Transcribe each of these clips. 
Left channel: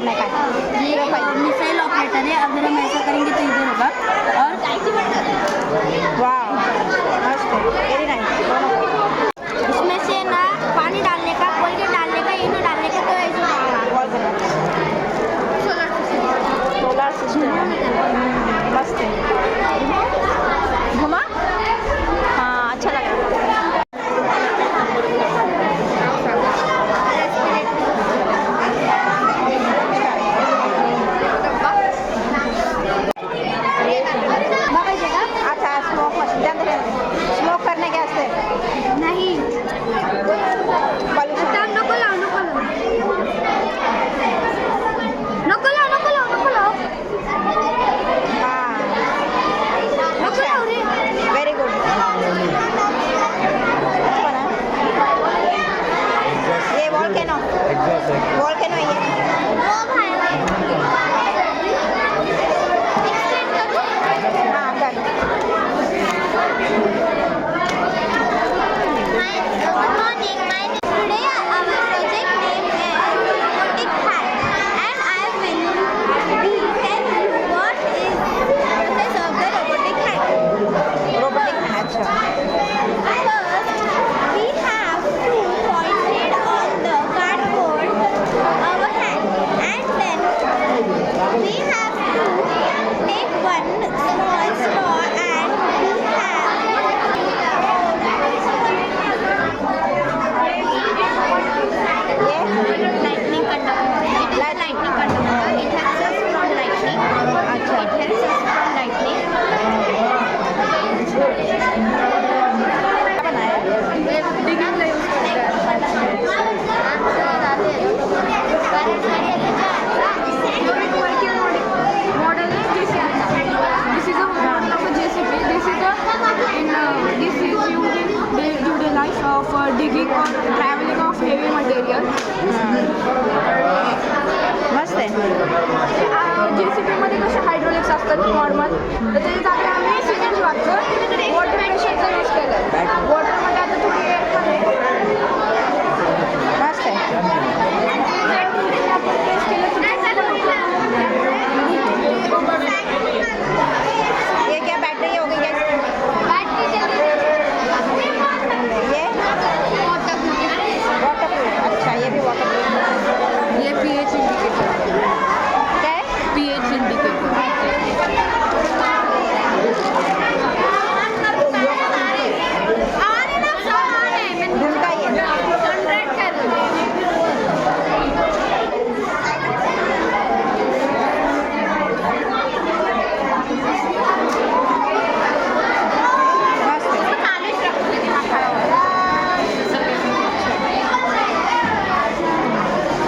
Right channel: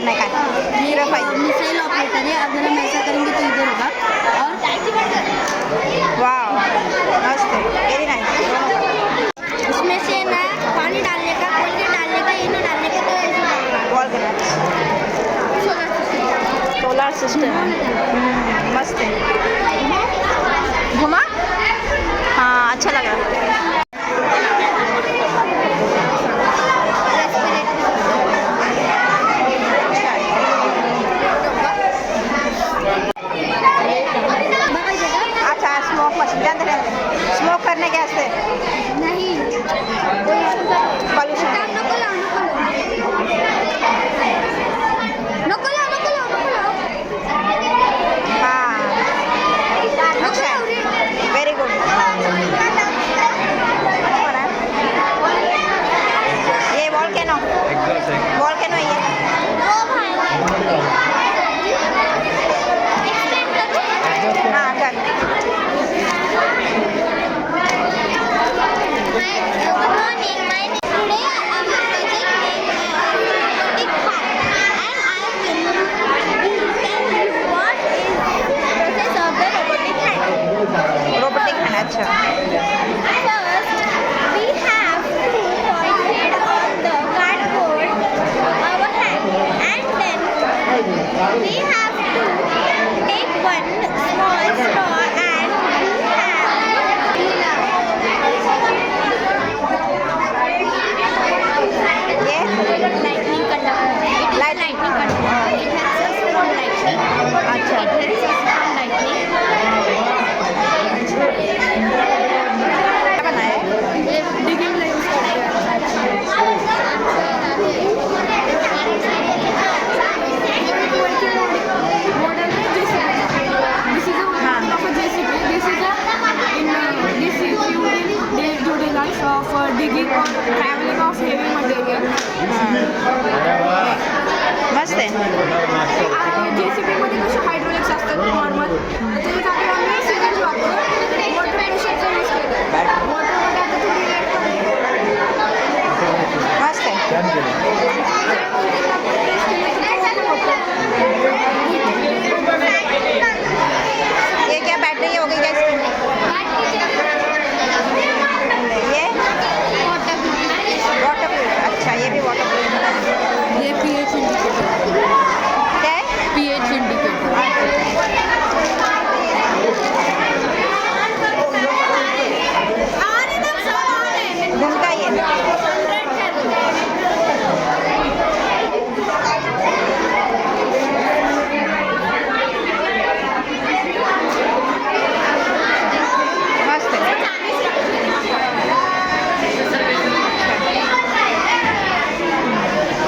करना है काय? मिसाइल ऑपरेटर है, अगर हम ऐसा करेंगे तो इधर होगा और वाह मस्त है, वेरी नाइस। इसमें से ना पानी डालने का, कोलगेट डालने का, इनो डालने का, तो ऐसे होगा। बॉल करना सोलर सिस्टम मस्त है। घुमा हाँ अच्छा लगा। अच्छा स्मोक मशीन के अंदर स्मोक करने के वास्ते नहीं पॉल्यूशन नको लाव हाँ अच्छा है, वेरी गुड। अच्छा बना है ये वोल्केनो ये हाँ कर। Good morning. My name today our project name is robotic hand, and I will tell you what is process of the robotic hand. Robotic है अच्छा। First, we have to concentrate on the cardboard our hand, and then we have to take one small straw and we have ये lightning conductor. It is a lightning conductor. It helps us from lightning. अच्छा It helps us from lightning. क्या बनाया है? Digging lines. Model is JCB. This is a model of a JCB. This is a this is utilized for digging or traveling of heavy material. मस्त आहे। JCB मध्ये कसे हायड्रोलिक्स असतात नॉर्मल, तर त्याच्यासाठी आम्ही सिमेंट वापरतो. वॉटर प्रेशरचा यूज केलं. वॉटरमध्ये आता थोडी ॲड करायची. मस्त है। ये क्या बैटरी हो गई क्या इसकी? ये वाटरप्रूफ अच्छा ये भी वाटरप्रूफ ये pH इंडिकेटर. क्या है? pH indicator. घूमता ही है। मस्त है।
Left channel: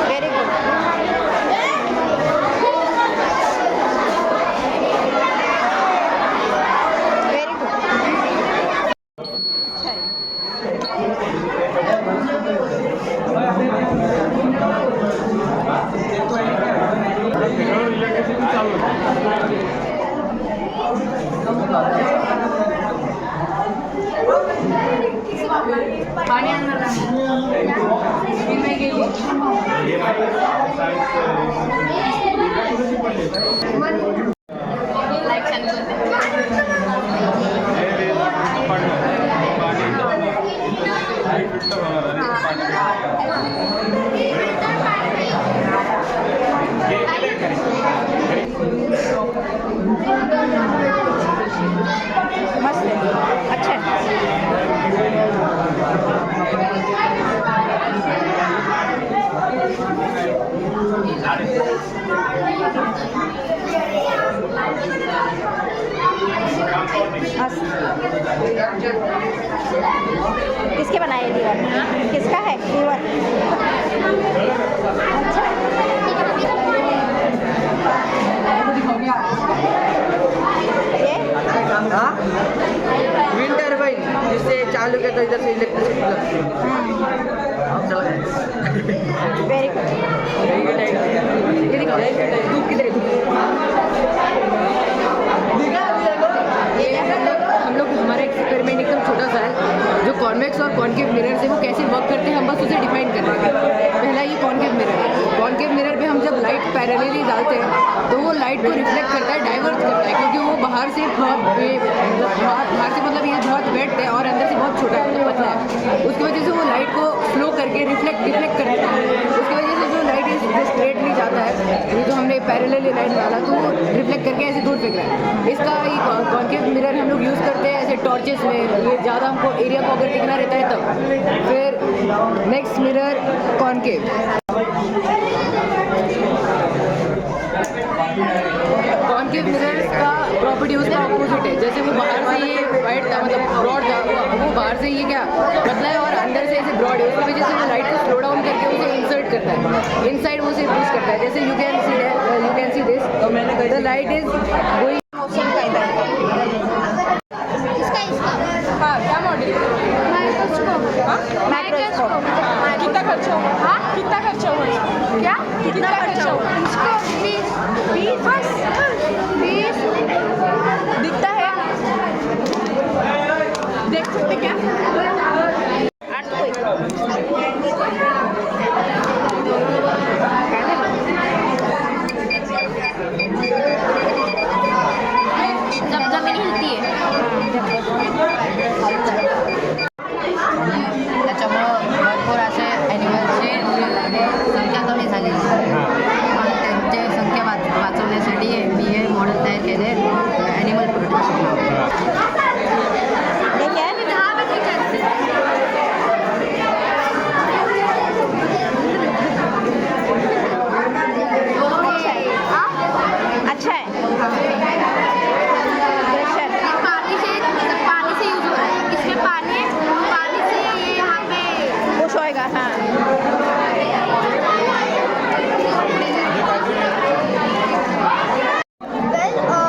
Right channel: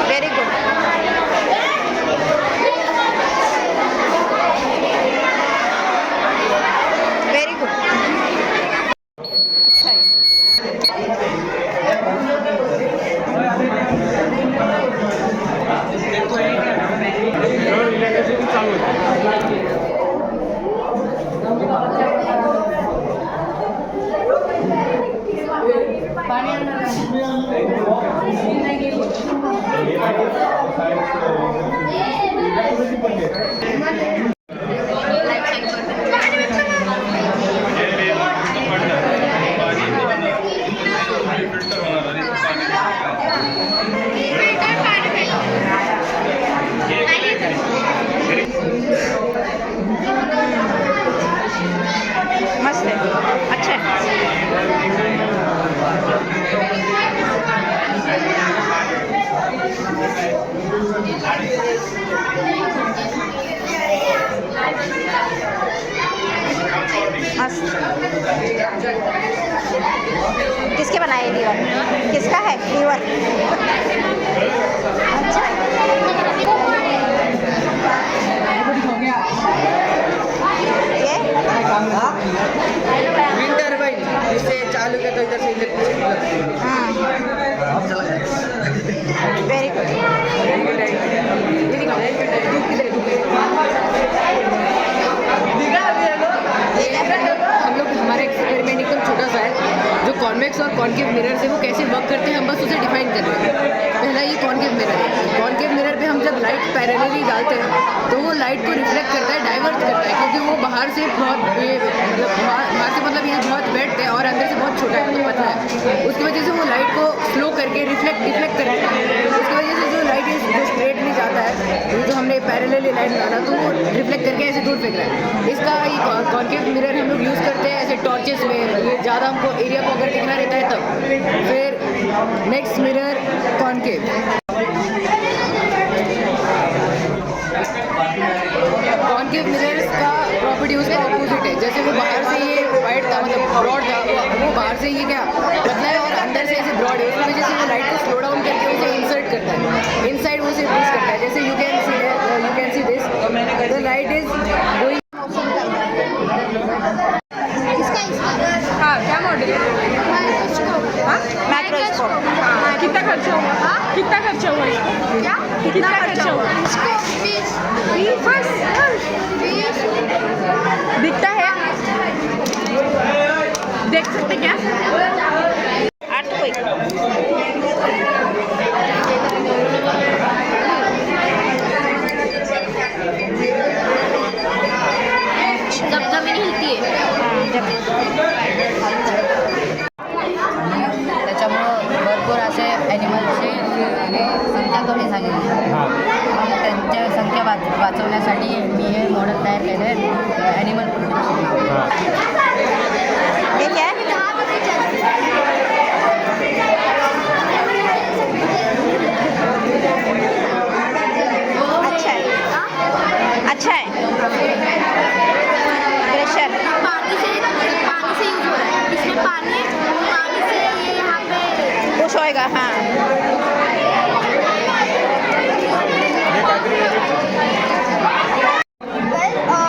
Very good. वेरी गुड अच्छा है। पाणी आणणार मस्त है अच्छा है। मस्त। किसके बनाए लीवर? किसका है लीवर? अच्छा है। ये विंड टर्बाइन जिससे चालू किया तो इधर से इलेक्ट्रिसिटी लगती है। चला गया। Very good. हम लोग हमारा एक्सपेरिमेंट एकदम छोटा सा है, जो कॉन्वेक्स और कॉन्केव मिरर से वो कैसे वर्क करते हैं हम बस उसे डिफाइन कर रहे हैं। पहला ये कॉन्केव मिरर है। कॉन्केव मिरर पे हम जब लाइट पैरेलली डालते हैं तो वो लाइट को रिफ्लेक्ट करता है, डाइवर्ट करता है, क्योंकि वो बाहर से बहुत ये बाहर से मतलब ये बहुत वेट है और अंदर से बहुत छोटा है, मतलब पतला है। उसकी वजह से वो लाइट को स्लो करके डिफ्लेक्ट करता है। उसकी वजह से जो लाइट जो स्ट्रेटली जाता है, ये जो हमने पैरेलली लाइट डाला तो वो रिफ्लेक्ट करके ऐसे दूर फेंक रहा है। इसका ये कॉन्केव मिरर हम लोग यूज़ करते हैं ऐसे टॉर्चेस में, ये ज़्यादा हमको एरिया को अगर दिखना रहता है तब। फिर next mirror concave. Concave mirrors का प्रॉपर्टी उसका ऑपोजिट है। जैसे वो बाहर से ये वाइट था, मतलब ब्रॉड था, वो बाहर से ये क्या पतला है और अंदर से ऐसे ब्रॉड है। उसकी वजह से वो लाइट को स्लो डाउन करके उसे इंसर्ट करता है, इनसाइड वो उसे पुश करता है। जैसे you can see this, the light is going. हाँ, क्या मॉडल? माइक्रोस्कोप। कितना खर्च होगा? कितना खर्च होगा? क्या? कितना खर्च होगा? इसको 20 दिखता है? देख सकते क्या? जब जमीन हिलती है त्याच्यामुळं भरपूर असे ॲनिमल्सची संख्या कमी झालेली आहे. मग त्यांची संख्या वाचवण्यासाठी मी हे मॉडेल तयार केले आहे, ॲनिमल प्रोटेक्शन नाव. ये क्या है? अच्छा है, अच्छा है। प्रेशर पानी से यूज हो रहा है. इसमें पानी से ये यहाँ पे पुश होएगा। हाँ,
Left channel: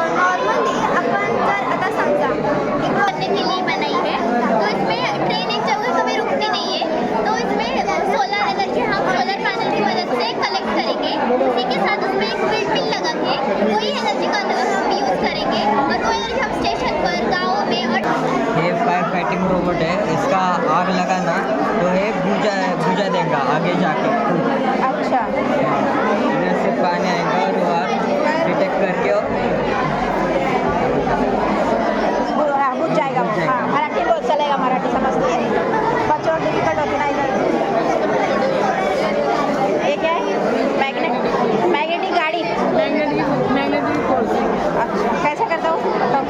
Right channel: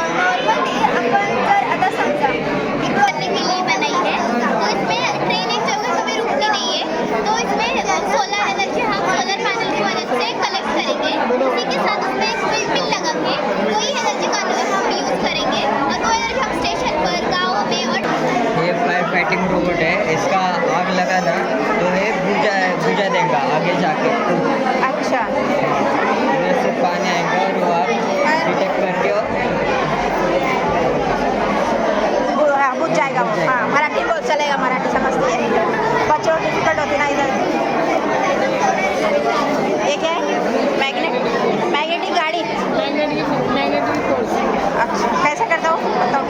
नॉर्मली अपन जर आता समजा एक करने के लिए बनाई है तो इसमें ट्रेन एक जगह कभी रुकती नहीं है. तो इसमें सोलर एनर्जी हम सोलर पैनल की मदद से कलेक्ट करेंगे. उसी के साथ उसमें एक विंड लगा के वही एनर्जी का हम यूज़ करेंगे और वो एनर्जी हम स्टेशन पर, गाँव में और ये फायर फाइटिंग रोबोट है। इसका आग लगाना तो है बुझा देगा आगे जाके। अच्छा। इधर से पानी आएगा और वो आग डिटेक्ट करके हाँ, बुझ जाएगा वो। हाँ, मराठी बहुत चलेगा, मराठी समझती है, बच्चों डिफिकल्ट होती ना इधर। ये क्या है? मैग्नेटिक गाड़ी। Magnetic force. अच्छा, कैसे करता हूँ बताओ।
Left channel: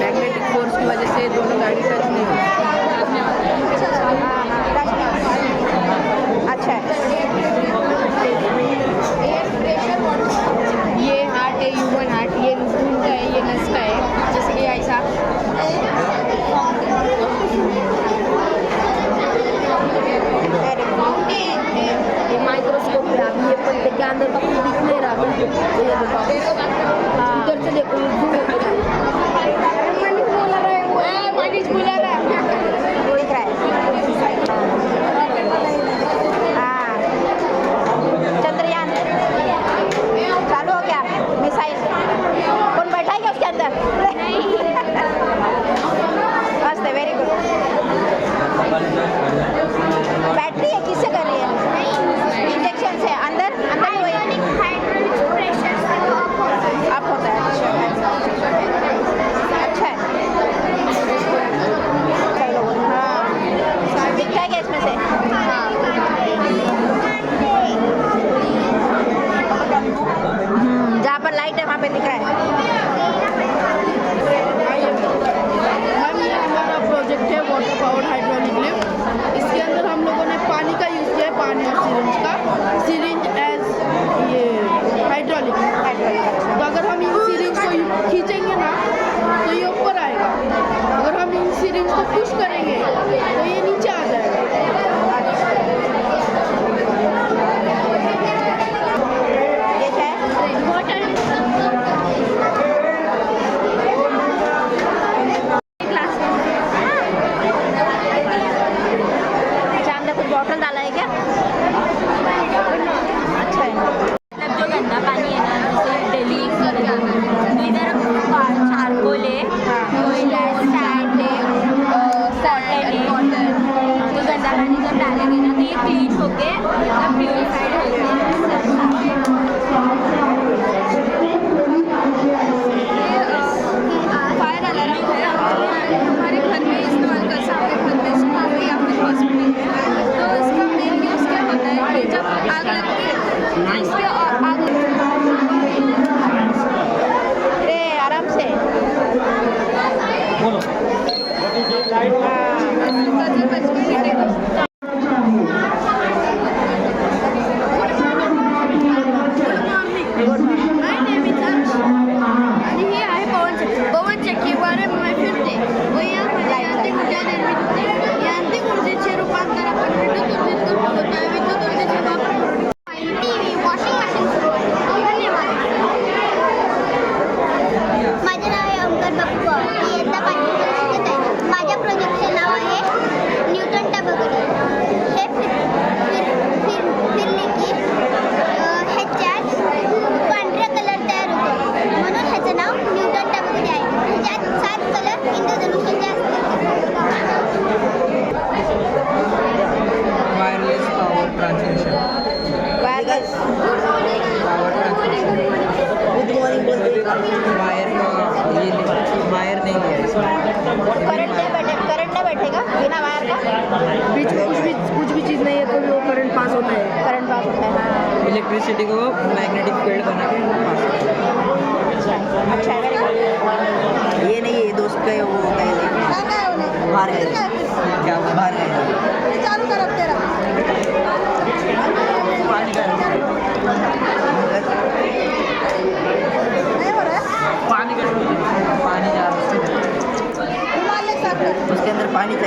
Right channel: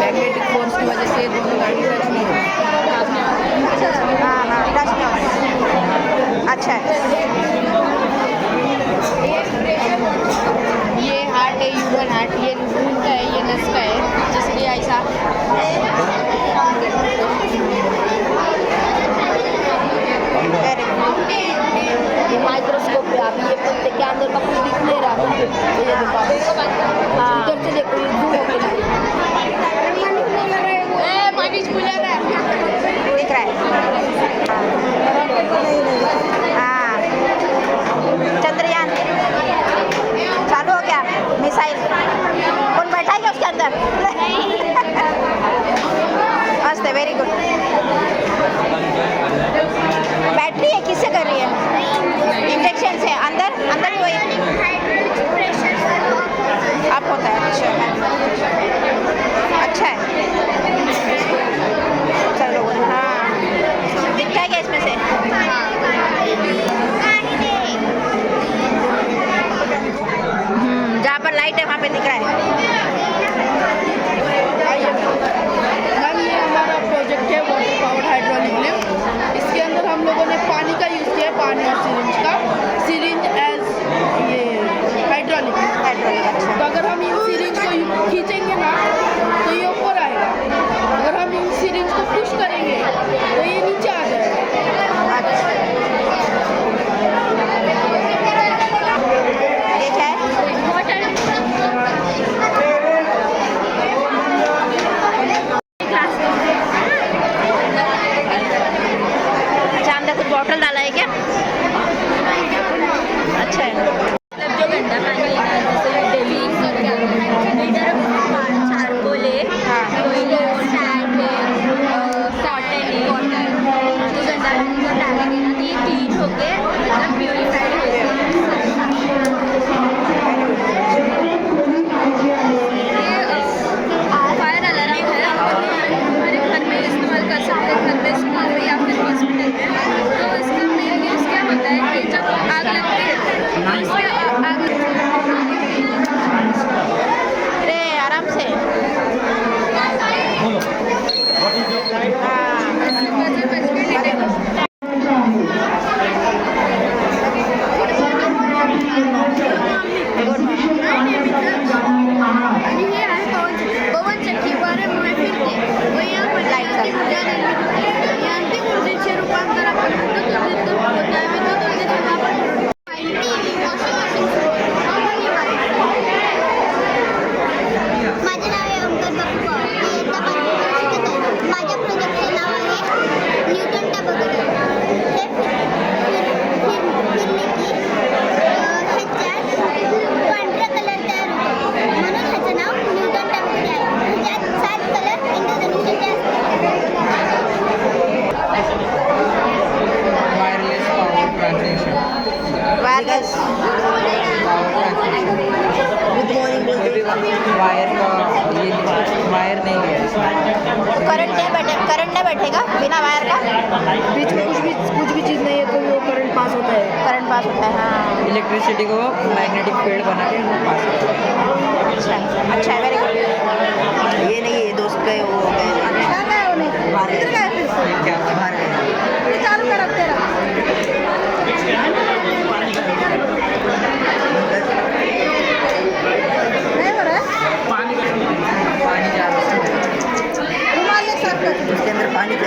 मैग्नेटिक फोर्स की वजह से दोनों गाड़ी टच नहीं होती। हाँ हाँ, टच में हो। अच्छा है। ये हार्ट है, ह्यूमन हार्ट, ये खून का है, ये नस का है, जिसलिए ऐसा वेरी गुड। ये माइक्रोस्कोप है. अभी ये पत्ते के अंदर का कुछ दिख नहीं रहा था. ये देखो, हाँ। इधर से देखो, ये zoom होके देखो. दिख रहा है। हाँ, चंद्रयान चालू हो गया। मिसाइल कौन बैठा है क्या उसके अंदर? मस्त है, वेरी गुड। बैटरी है, किससे कर रही है? इंजेक्शन से अंदर भी वही अप होता है। अच्छा है। चलो, हाँ, दिखता है क्या इसमें से? जहाँ पर लाइट है वहाँ पे दिख रहा है। मैम ये हमारा प्रोजेक्ट है वाटर पावर्ड हाइड्रोलिक लिफ्ट. इसके अंदर हम लोगों ने पानी का यूज़ किया है, पानी और सिरिंज एज ये हाइड्रोलिक. अच्छा। तो अगर हम इन सिरिंज को खींचेंगे ना तो ये ऊपर आएगा. अगर हम इन सिरिंज को पुश करेंगे तो ये नीचे आ जाएगा. अच्छा, ये क्या है? अच्छा, अंदर कुछ बॉटल डाला है क्या? अच्छा है। जो गंदा पानी है ना, जैसे डोली चारकोल है, हाँ। सैंड है, कॉटन है, वायर नहीं लिया इसमें। तो करंट नहीं बैठेगा बिना वायर का? बीच में कुछ भी चीज़ नहीं है तो वो करंट पास होता है। करंट पास होता है, हाँ। इलेक्ट्रिसिटी को मैग्नेटिक फील्ड बना के पास करता है। अच्छा अच्छा है, वेरी गुड। ये नहीं, ये दोस्त का वो क्या बाहर उसके अंदर पानी का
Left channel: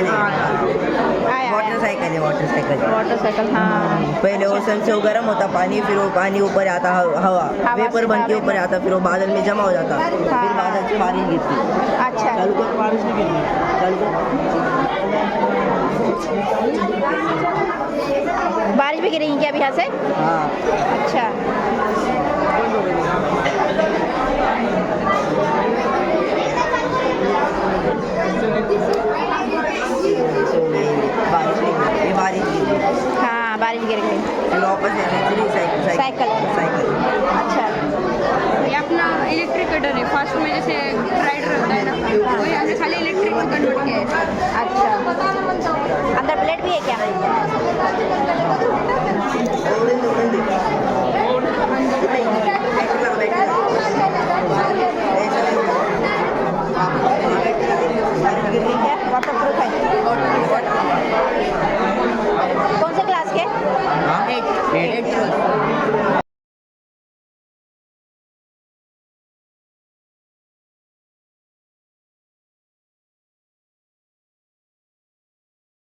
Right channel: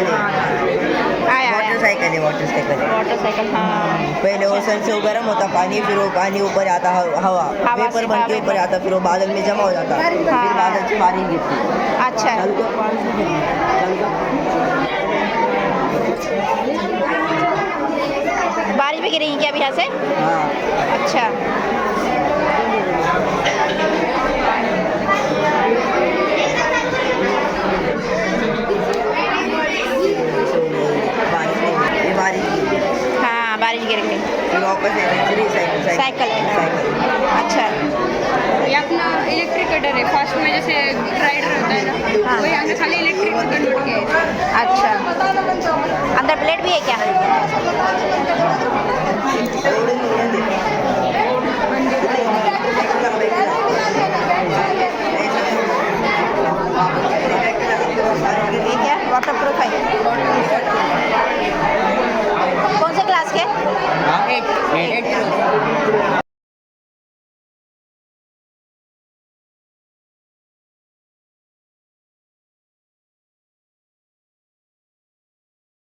आया वाटर मोटरसाइकिल, हाँ। पहले वो से वो गर्म होता पानी, फिर वो पानी ऊपर आता हवा हवा से, वेपर बन के हाँ, ऊपर आता, फिर वो बादल में जमा हो जाता, फिर बादल से बारिश गिरती। अच्छा चालू कर, बारिश नहीं गिरती। चालू कर। बारिश भी गिरेगी क्या अभी यहाँ से? हाँ अच्छा बारिश नहीं गिरती, ये बारिश गिरती। हाँ, बारिश गिर गई। फिर वापस साइकिल है, हाँ। अच्छा ये अपना इलेक्ट्रिक कटर है, फास्ट में जैसे राइडर होता है ना, हाँ। वही हमने खाली इलेक्ट्रिक में कन्वर्ट किया है। अच्छा, अंदर प्लेट भी है क्या? ये क्या वाटर प्रूफ है? कौन से क्लास के? 8 रोज